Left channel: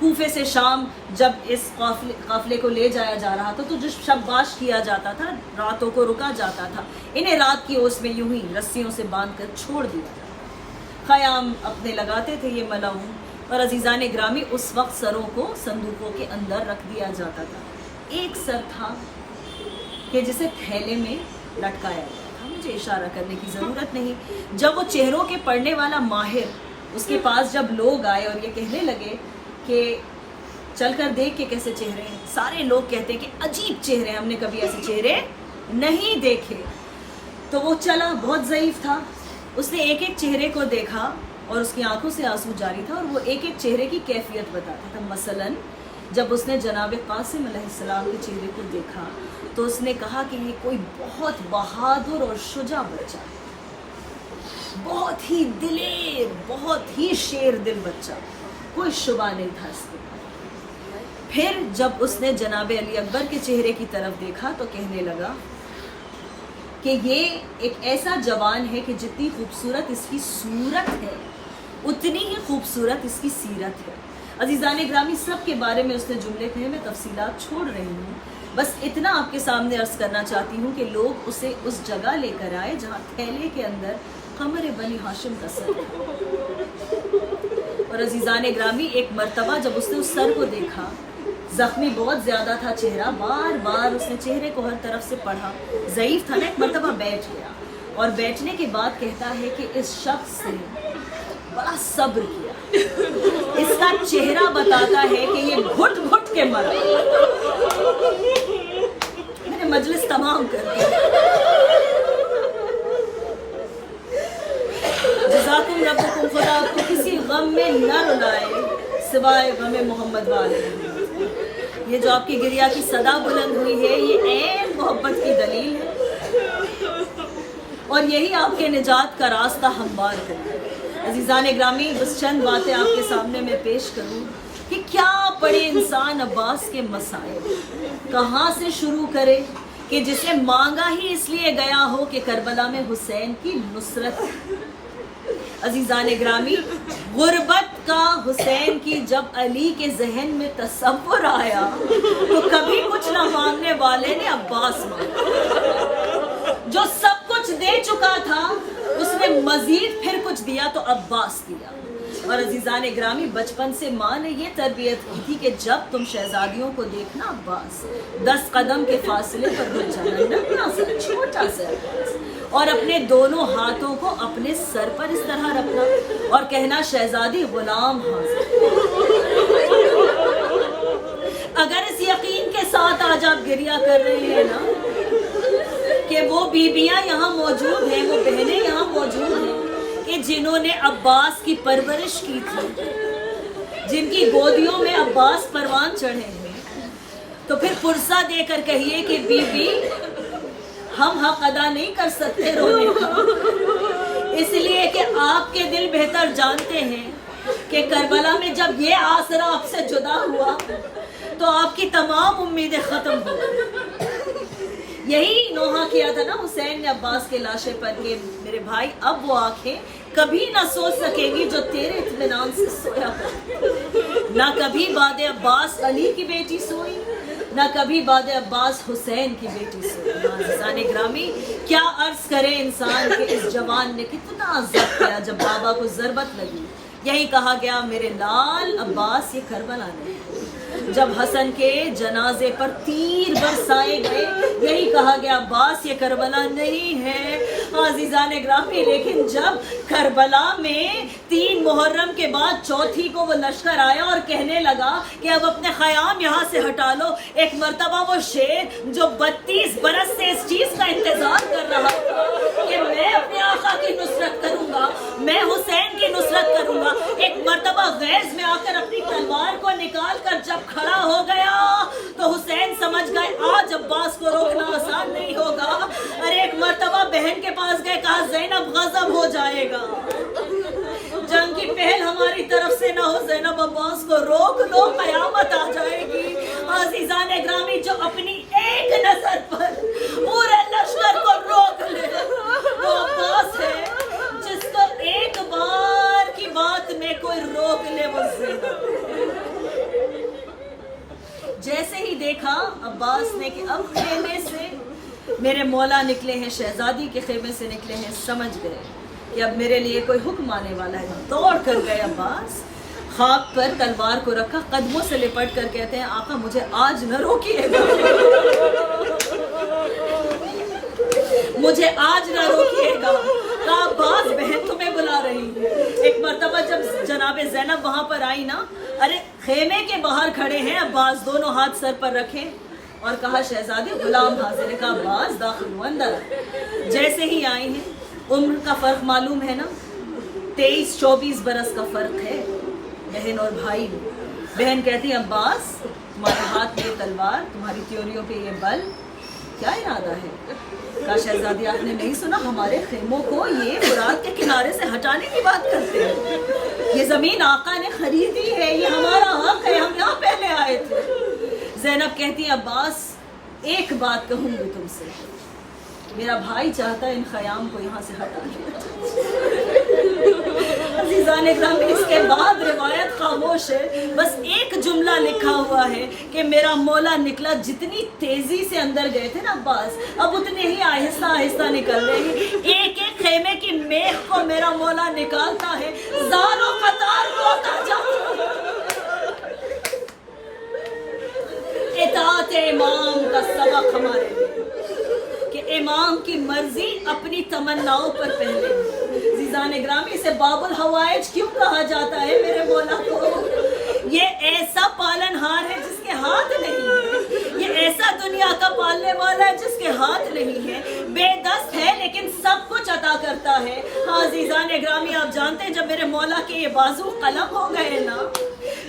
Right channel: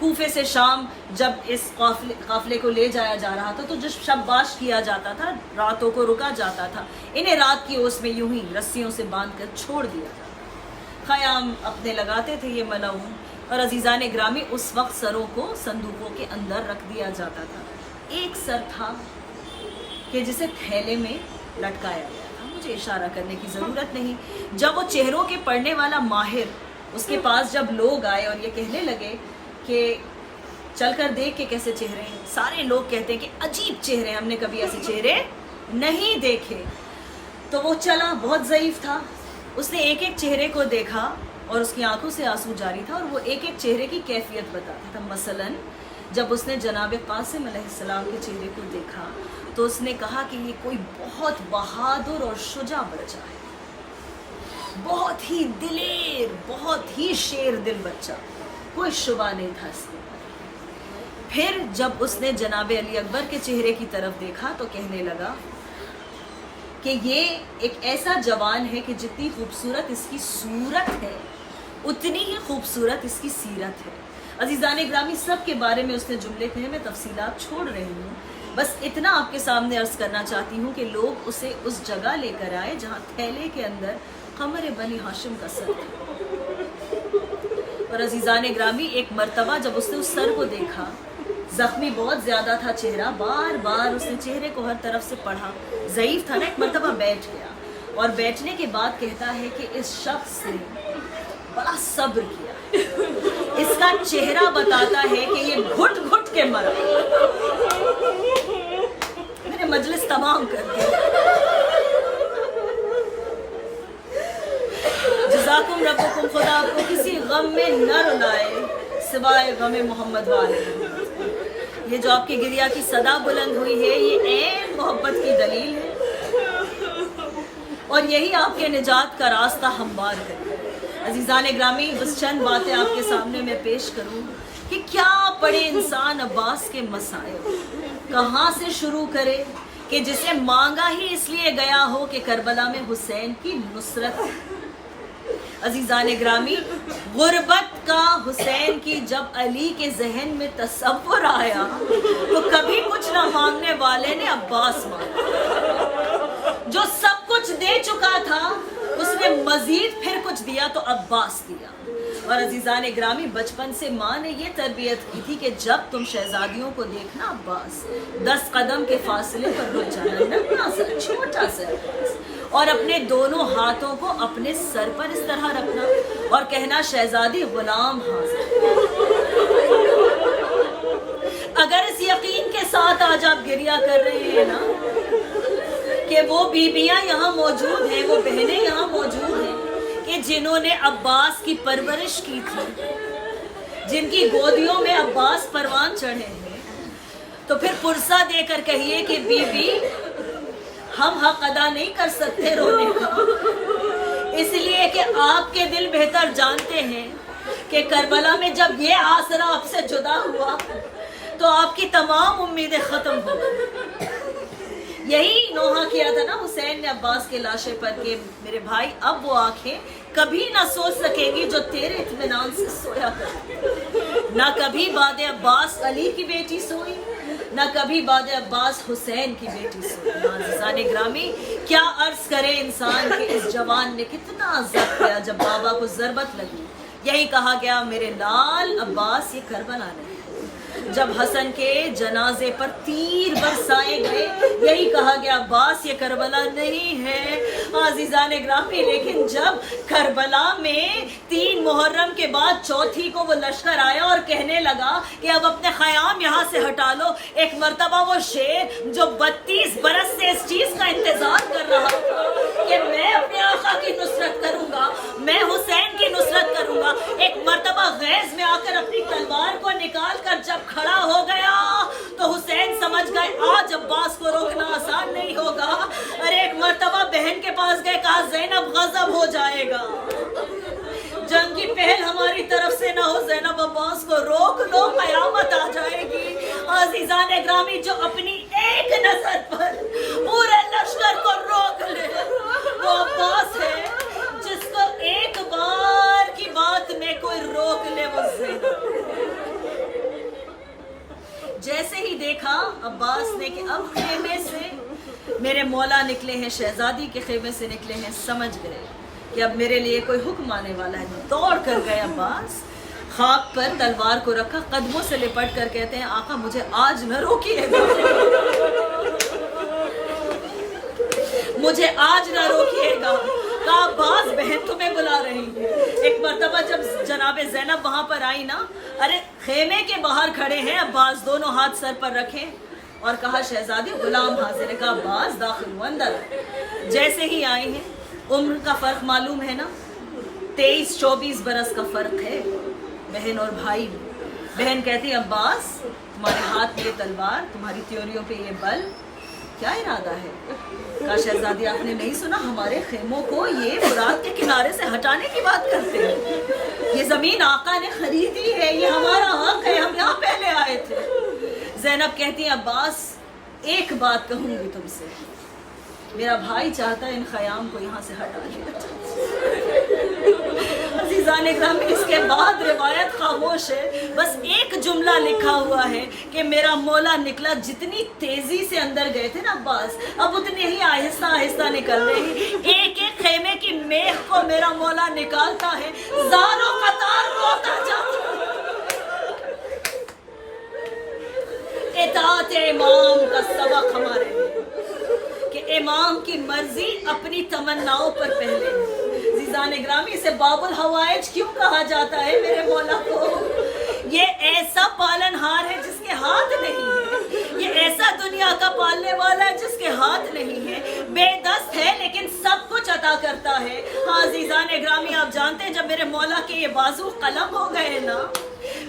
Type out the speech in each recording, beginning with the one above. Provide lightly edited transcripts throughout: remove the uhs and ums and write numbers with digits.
کوفے سے شام جب اس قافلے کو لے جایا جا رہا تھا تو جو شباش کیا جاتا تھا، راتوں کو رکا جاتا تھا، انہیں رات کی اوس میں یوں ہی رسیوں سے باندھ کر چھوڑ دیا جاتا، خیام اپنے لگاتے تھے یہ ملعون، اور عزیزان گرامی اس وقت سروں کو صندوقوں کے اندر رکھ دیا جاتا تھا۔ ایک سر تھا کہ جسے تھیلے میں لٹکایا گیا تھا، مجھے اشارہ کرنے کی ضرورت نہیں۔ جب وہ چہروں کے پڑھنے والا ماہر اس کے پاس جب لوگ آئے اور یہ کہنے لگے کہ چل کر دیکھ کے کیسے چہرے ہیں، سارے لوگ کہتے ہیں کہ عجیب چہرے، ہم نے کبھی ایسے چہرے نہیں دیکھے۔ تو وہ چلا، بہت ضعیف تھا، اس نے ایک ایک چہرے کو دیکھا اور اس کی آنکھوں سے آنسو جاری تھا، اور وہ ایک ایک چہرے کی کیفیت بتاتا تھا۔ مثلاً جب اس نے جناب قاسم علیہ السلام کے چہرے کو دیکھا تو اس نے کہا کہ یہ کوئی بہت بہادر اور شجاع بچہ ہے، بہت ہی دلیر، بہت ہی شیر دل بچہ، کوئی شبہ نہیں تھا اس کے بارے میں۔ پھر جب اس نے جناب علی اکبر کے چہرے کی طرف دیکھا تو کہنے لگا کہ یہ ایک ایسا جوان ہے کہ جتنی خوبصورت اس کی صورت ہے اتنی ہی خوبصورت اس کی سیرت ہے۔ عزیزان گرامی، سب کے بارے میں اس نے جملے کہے، میں تفصیلات چھوڑ رہی ہوں، بس اتنا آپ کے سامنے عرض کرنا چاہتی ہوں کہ لوگ اسے اس جگہ لے کر آئے جہاں تھیلے کے اندر قمر بنی ہاشم کا سر تھا۔ اور عزیزان گرامی، ایک مرتبہ جب اس نے اس سر کو دیکھا، زخمی بہت زیادہ تھا چہرہ، بار بار اس نے چہرے کو ہر طرف سے پڑھا، ضعیف تھا نا، ایک مرتبہ بیٹھ گیا اور بیٹھنے کے بعد کہتا ہے کہ اس شخص نے بڑا صبر کیا، اس کا چہرہ بتاتا ہے کہ یہ گھٹ گھٹ کے مرا۔ میں نے مجلس تمام کر دی۔ جزاکم ربکم، خدا کو کسی غم میں نہ رلائے سوائے غم محمد والے۔ یہ جو آپ کی گریا کی صدا بلند ہوئی ہے، یہ عین محبت کی دلیل ہے، اور یہی آپ کے نجات کا راستہ ہموار کرے۔ عزیزان گرامی، بس چند باتیں آپ کے سامنے میں پیش کروں کہ کیا پڑھے انسان عباس کے مصائب، کہاں سے شروع کرے کہ جسے مانگا ہی اس لیے گیا ہو کہ کربلا میں حسین کی نصرت۔ عزیزان گرامی، غربت کا حسین کی جب علی کے ذہن میں تصور آیا تو کبھی کچھ نہ مانگنے والے نے عباس مانگا، جو سب کچھ دے چکا تھا اس نے مزید پھر کچھ دیا تو عباس دیا۔ اور عزیزان گرامی، بچپن سے ماں نے یہ تربیت کی تھی کہ جب تم شہزادیوں کو دیکھنا عباس، 10 قدم کے فاصلے پر رک جانا، ننھا سا چھوٹا سا عباس، اور اپنے دونوں ہاتھوں کو اپنے سر پر اس طرح رکھنا اور کہنا شہزادی غلام حاضر۔ اگر اس یقین کے ساتھ آج آپ گریہ کر رہے ہیں نا کہ وہ بیویاں یہاں موجود ہیں، وہ بہنیں یہاں موجود ہیں کہ جنہوں نے عباس کی پرورش کی تھی، جن کی گودیوں میں عباس پروان چڑھے ہیں، تو پھر پرسہ دے کر کہیے کہ بی بی ہم حق ادا نہیں کر سکتے رونے کا، اس لیے کہ آپ کے دل بہتر جانتے ہیں کہ کربلا میں جب یہ آسرا آپ سے جدا ہوا تو آپ کی تمام امیدیں ختم ہو گئی۔ یہی نوحہ کیا تھا نا حسین نے عباس کے لاشے پر کہ میرے بھائی اب وہ آنکھیں کبھی نہ سو سکیں گی جو تیرے اطمینان سے سویا کر، نہ کبھی بعد عباس علی کی بیٹی سوئی، نہ کبھی بعد عباس حسین کی بیٹی سوئی۔ عزیزان گرامی، کیا عرض کرے انسان کہ اس جوان نے کتنا ضبط کیا جب بابا کو ضربت لگی، یہی کہا گیا میرے لال عباس یہ کربلا نہیں۔ جب حسن کے جنازے پر تیر برسائے گئے، یہی کہا گیا عباس یہ کربلا نہیں ہے۔ عزیزان گرامی، لیکن جب کربلا میں 3 محرم کے بعد چوتھی کو وہ لشکر آیا اور کہنے لگا کہ اب اپنے خیام یہاں سے ہٹا لو، ایک مرتبہ وہ شیر جو 32 برس سے اس چیز کا انتظار کر رہا تھا کہ میں اپنے آقا کی نصرت کروں گا، میں حسین کی نصرت کروں گا، ایک مرتبہ غیظ میں آ کر اپنی تلوار کو نکال کر جب کھڑا ہو گیا تو حسین سمجھ گئے آج عباس کو روکنا آسان نہیں ہوگا۔ ارے ایک مرتبہ بہن کے پاس گئے، کہا زینب غضب ہو جائے گا، جنگ کی پہل ہماری طرف سے نہ ہو، زینب عباس کو روک لو، قیامت آ جائے گی۔ عزیزان گرامی، جو اپنی ایک نظر پر پورے لشکر کو روک لے وہ عباس ہے، جس کو ایک بار کی بات میں کوئی روک لے وہ زینب۔ جیسے ہی دیکھا عباس نے کہ اب خیمے سے میرے مولا نکلے ہیں، شہزادی کے خیمے سے نکلے ہیں، سمجھ گئے کہ اب میرے لیے کوئی حکم آنے والا ہے. دوڑ کر گئے عباس، خاک پر تلوار کو رکھا، قدموں سے لپٹ کر کہتے ہیں آقا مجھے آج نہ روکیے گا، مجھے آج نہ روکیے گا. کہا عباس بہن تمہیں بلا رہی ہے. ایک مرتبہ جب جناب زینب وہاں پر آئی نا، ارے خیمے کے باہر کھڑے ہیں عباس، دونوں ہاتھ سر پر رکھے اور کہا شہزادی غلام حاضر ہے. کہا عباس داخل ہو اندر. جیسے ہی آئے ہیں، عمر کا فرق معلوم ہے نا، 23-24 برس کا فرق ہے بہن اور بھائی میں. بہن کہتی عباس تمہارے ہاتھ میں یہ تلوار، تمہاری تیوریوں پہ یہ بل، کیا ارادہ ہے؟ کہا شہزادی آپ نے نہیں سنا، ہمارے خیموں کو یہ فرات کے کنارے سے ہٹانے کی بات کرتے ہیں. یہ زمین آقا نے خریدی ہے، یہ ہمارا حق ہے، ہم یہاں پہلے آئے تھے. زینب کہتی ہے عباس ایک بات کہوں گی تم سے، میرا بھائی چاہتا ہے ان خیام کو یہاں سے ہٹا دیا. عزیزان اکرام اس کے بعد روایت خاموش ہے، بس ایک جملہ لکھا ہوا ہے کہ میرا مولا نکلا. جتنی تیزی سے اندر گئے تھے نا عباس، اب اتنے ہی آہستہ آہستہ نکل رہے ہیں. ایک ایک خیمے کی میخ کو میرا مولا نکالتا ہے، زار و قطار روتا جاتا. اطاعت امام کا سبق ہمارے لیے کہ امام کی مرضی اپنی تمناؤں پر پہلے. عزیزان گرامی سے باب الحوائج کیوں کہا جاتا ہے میرے مولا کو؟ یہ ایسا پالن ہار ہے جس کے ہاتھ نہیں ہے، یہ ایسا دنیا کا پالنے والا ہے جس کے ہاتھ نہیں ہے، بے دست ہے لیکن سب کچھ عطا کرتا ہے. ہاں عزیزان گرامی آپ جانتے ہیں جب میرے مولا کے یہ بازو قلم ہو گئے نا،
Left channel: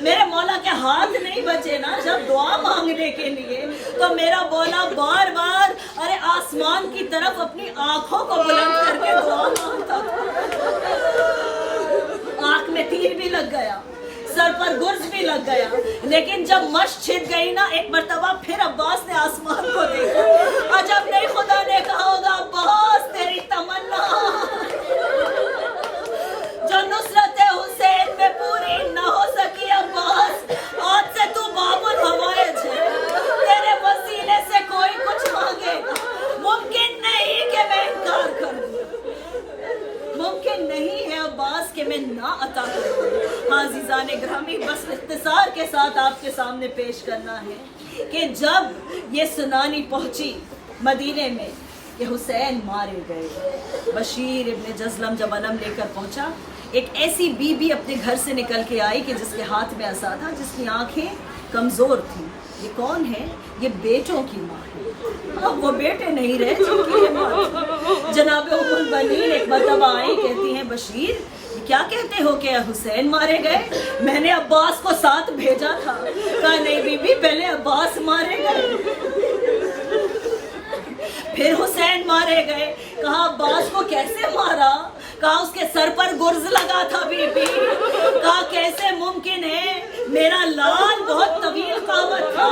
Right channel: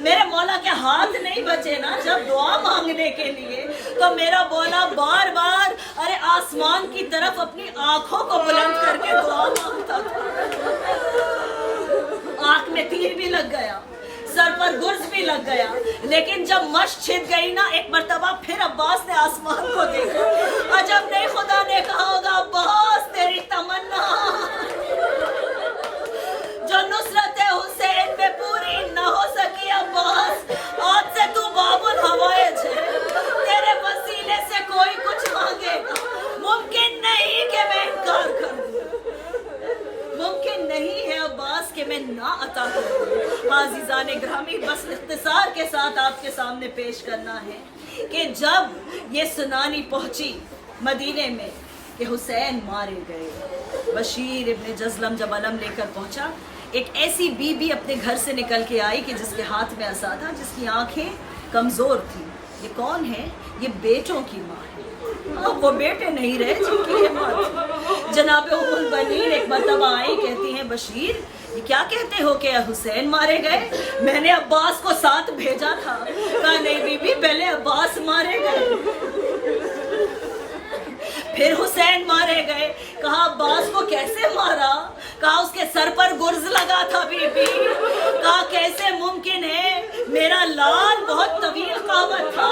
میرے مولا کے ہاتھ نہیں بچے نا جب دعا مانگنے کے لیے، تو میرا مولا بار بار ارے آسمان کی طرف اپنی آنکھوں کو بلند کر کے دعا مانگتا تھا. آنکھ میں تیر بھی لگ گیا، سر پر گرز بھی لگ گیا، لیکن جب مشق چھت گئی نا، ایک مرتبہ پھر عباس نے آسمان کو دیکھا. عجب نہیں خدا نے کہا ہوگا عباس تیری تمنا جو نصرت حسین میں پوری نہ ہو سکی عباس، آج سے تو باب الحوائج ہے، تیرے وسیلے سے کوئی کچھ مانگے گا، ممکن نہیں کہ میں انکار کر دوں، ممکن نہیں ہے عباس کہ میں نہ عطا کروں. ہاں عزیزان گرامی بس اختصار کے ساتھ آپ کے سامنے پیش کرنا ہے کہ جب یہ سنانی پہنچی مدینے میں کہ حسین مارے گئے، بشیر ابن جزلم جب علم لے کر پہنچا، ایک ایسی بی بی اپنے گھر سے نکل کے آئی کہ جس کے ہاتھ میں عصا تھا، جس کی آنکھیں کمزور تھیں. یہ کون ہے؟ یہ بیٹوں کی ماں ہے. اب وہ بیٹے نہیں رہے جن کی یہ ماں تھی. جناب ام البنین ایک مرتبہ آئی، کہتی ہیں بشیر یہ کیا کہتے ہو کہ حسین مارے گئے؟ میں نے عباس کو ساتھ بھیجا تھا. کہا نہیں بی بی پہلے عباس مارے گئے پھر حسین مارے گئے. کہا عباس کو کیسے مارا؟ کہا اس کے سر پر گرز لگا تھا بی بی. کہا کیسے ممکن ہے؟ میرا لال بہت طویل قامت تھا،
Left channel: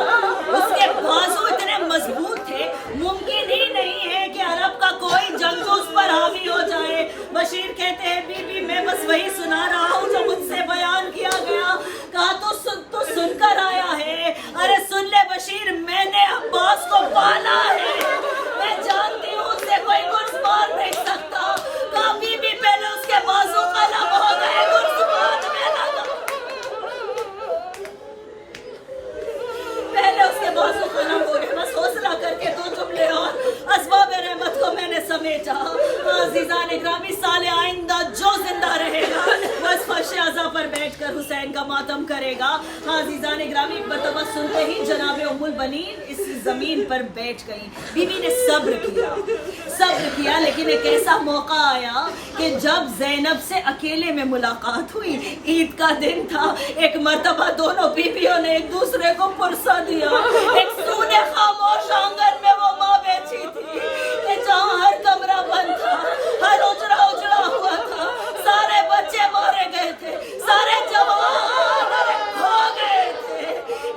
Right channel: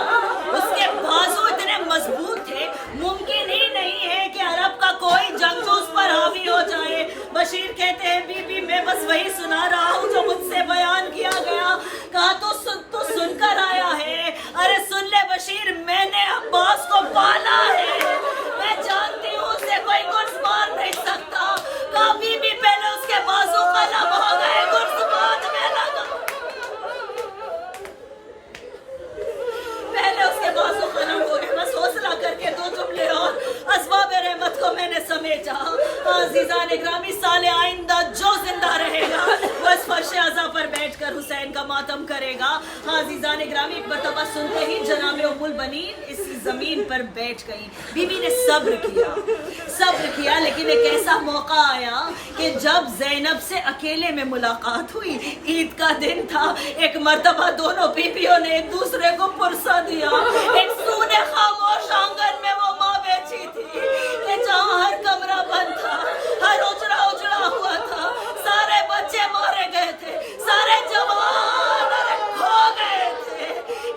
اس کے بازو اتنے مضبوط تھے، ممکن ہی نہیں ہے کہ عرب کا کوئی جنگجو اس پر حاوی ہو جائے. بشیر کہتے ہیں بی بی میں بس وہی سنا رہا ہوں جو مجھ سے بیان کیا گیا. کہا تو سن کر آیا ہے؟ ارے سن لے بشیر، میں نے عباس کو پالا ہے، میں جانتی ہوں اسے کوئی گرز مار نہیں سکتا. کہا بی بی پہلے اس کے بازو قلم ہو گئے، گرز مارنے لگا، پہلے اس کے بازو قلم ہو گئے. بس حوصلہ کر کے دو جملے اور اسباب رحمت کو میں نے سمیٹا. عزیزان گرامی سال آئندہ جو زندہ رہے گا وہ اس فرش عزا پر بیٹھ کر حسین کا ماتم کرے گا. عزیزان گرامی ایک مرتبہ سنتے ہی جناب ام البنین اس زمین پر بیٹھ گئی. بی بی نے صبر کیا لیکن ایک ایسا موقع آیا کہ جب زینب سے اکیلے میں ملاقات ہوئی، عید کا دن تھا، ایک مرتبہ دونوں بیویوں نے ایک دوسرے کو پرسہ دیا. ایک سونے خاموش آنگن میں وہ ماں بیٹھی تھی کہ جہاں ہر کمرہ بند تھا، ہر اجڑا ہوا تھا، سارے بچے مارے گئے تھے، سارے جوان کھو گئے تھے.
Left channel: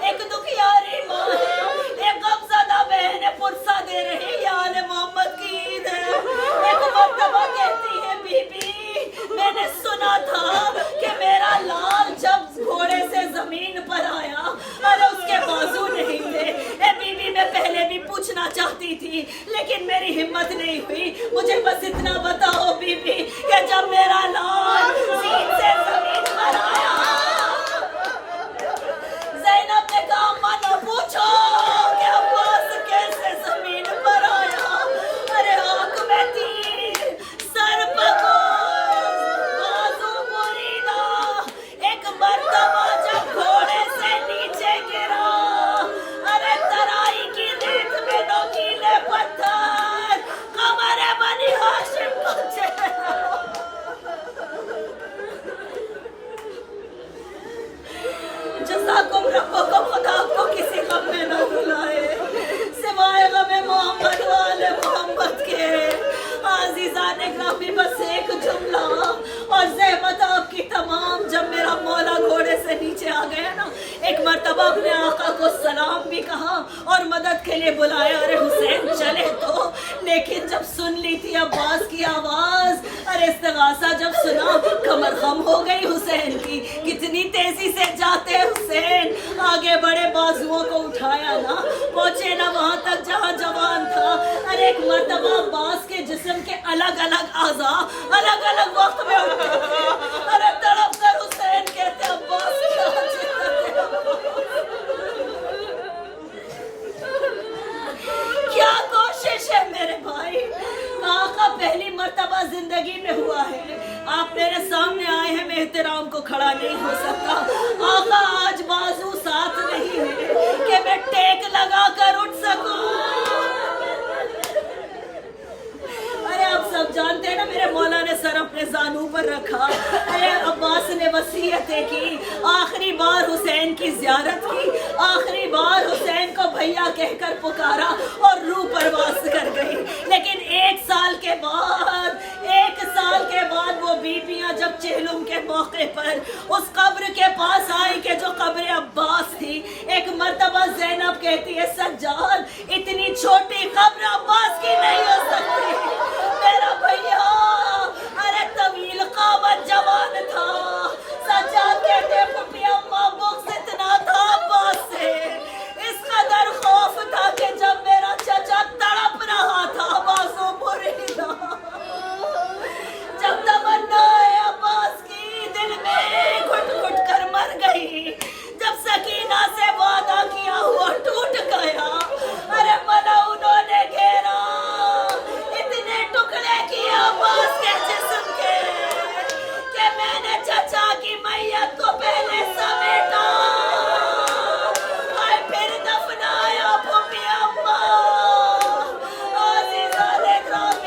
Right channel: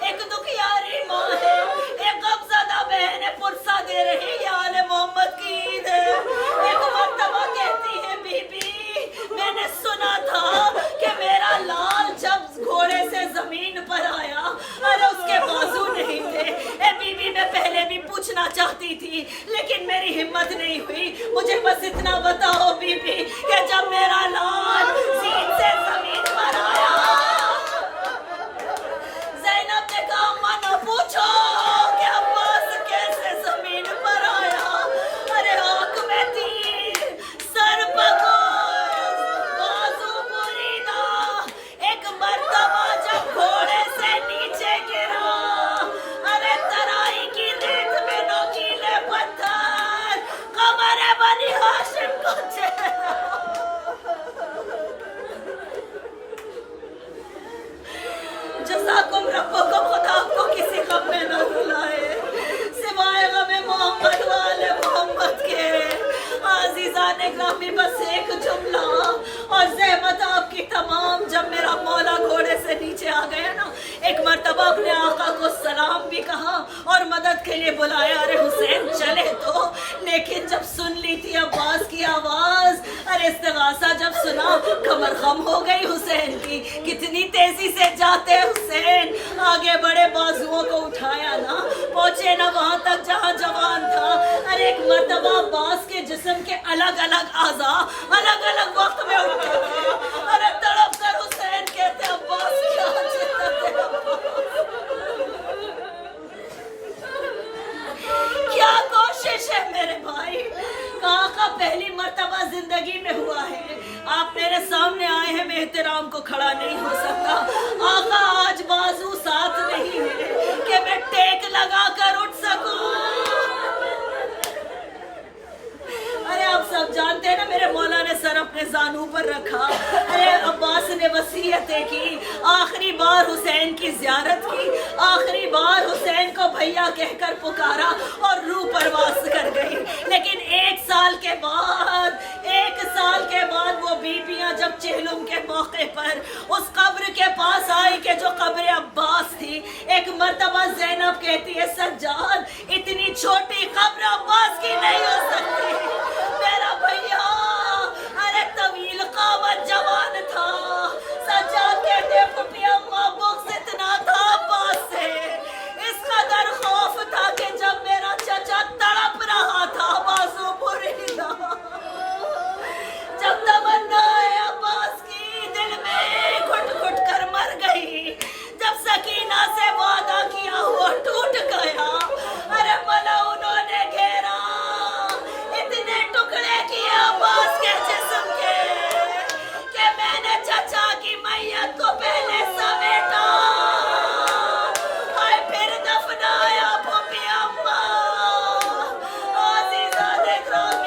ایک دکھیاری ماں ہے، ایک غمزدہ بہن ہے، پرسہ دے رہی یہ آل محمد کی عید ہے. ایک مرتبہ کہتی ہے بی بی میں نے سنا تھا کہ میرا لال جب گھوڑے سے زمین پر آیا، ارے اس کے بازو نہیں تھی لیکن میری ہمت نہیں ہوئی. مجھے بس اتنا بتاؤ بی بی کہ جب میرا لال زین سے زمین پر آیا, زینب نے کہا اماں نہ پوچھو کہ عباس کیسے زمین پر آیا. ارے آنکھ میں تیر, سر پکڑ, بازو بریدہ. ایک مرتبہ جب گھوڑے سے نیچے گرا, ارے ترائی کی ریت میں نوکیلے پتھر, قمر بنی ہاشم کو چہرہ. جزاکم ربکم, خدا آپ کو کسی غم میں نہ رلائے سوائے غم محمد والے محمد کے. عزیزان گرامی بس ایک جملہ اور زحمت آپ کی تمام. جب میرا مولا گھوڑے سے نیچے آ گیا نا, ایک مرتبہ اپنے آقا کو سلام بھی کہا اور مدد کے لیے بلایا. ارے حسین چلے تو, لیکن جب سن لی تھی عباس کی آواز, ارے استغاثہ جب سنا, کمر خم ہو گئی حسین کی. کتنی تیزی سے جاتے حسین, آگے بڑے بازوؤں کو اٹھایا نا, پہنچے نا وہاں تک جہاں جوان تھا. ارے ایک مرتبہ عباس کے جسم کے الگ الگ اعضاء الگ الگ وقت میں اٹھتے تھے. ارے تڑپ کر حسین کہتے عباس کیا جسم کیا کوشش ہے میرے بھائی. آقا پہلی مرتبہ زندگی میں ہوا ہے, آپ میرے سامنے آئے ہیں, میں احترام کو کھڑا نہیں ہو سکتا. آقا آج بازو ساتھ نہیں ہے کہ میں ٹیک لگا کر اٹھ سکوں. ارے آپ سب جانتے ہیں نا میرے مولا نے سر اپنے زانو پر رکھا. ارے عباس نے وصیتیں کی, آخری بار حسین کی زیارت کی, آخری بار حسین کو بھیا کہہ کر پکارا اور روح پرواز کر گئی. لیکن ایک سال کے بعد وہ بیبیاں جب چہلم کے موقع پر